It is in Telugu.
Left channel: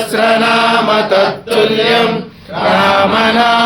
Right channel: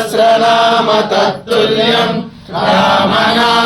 सहस्रनाम तत्तुल्यम् रामना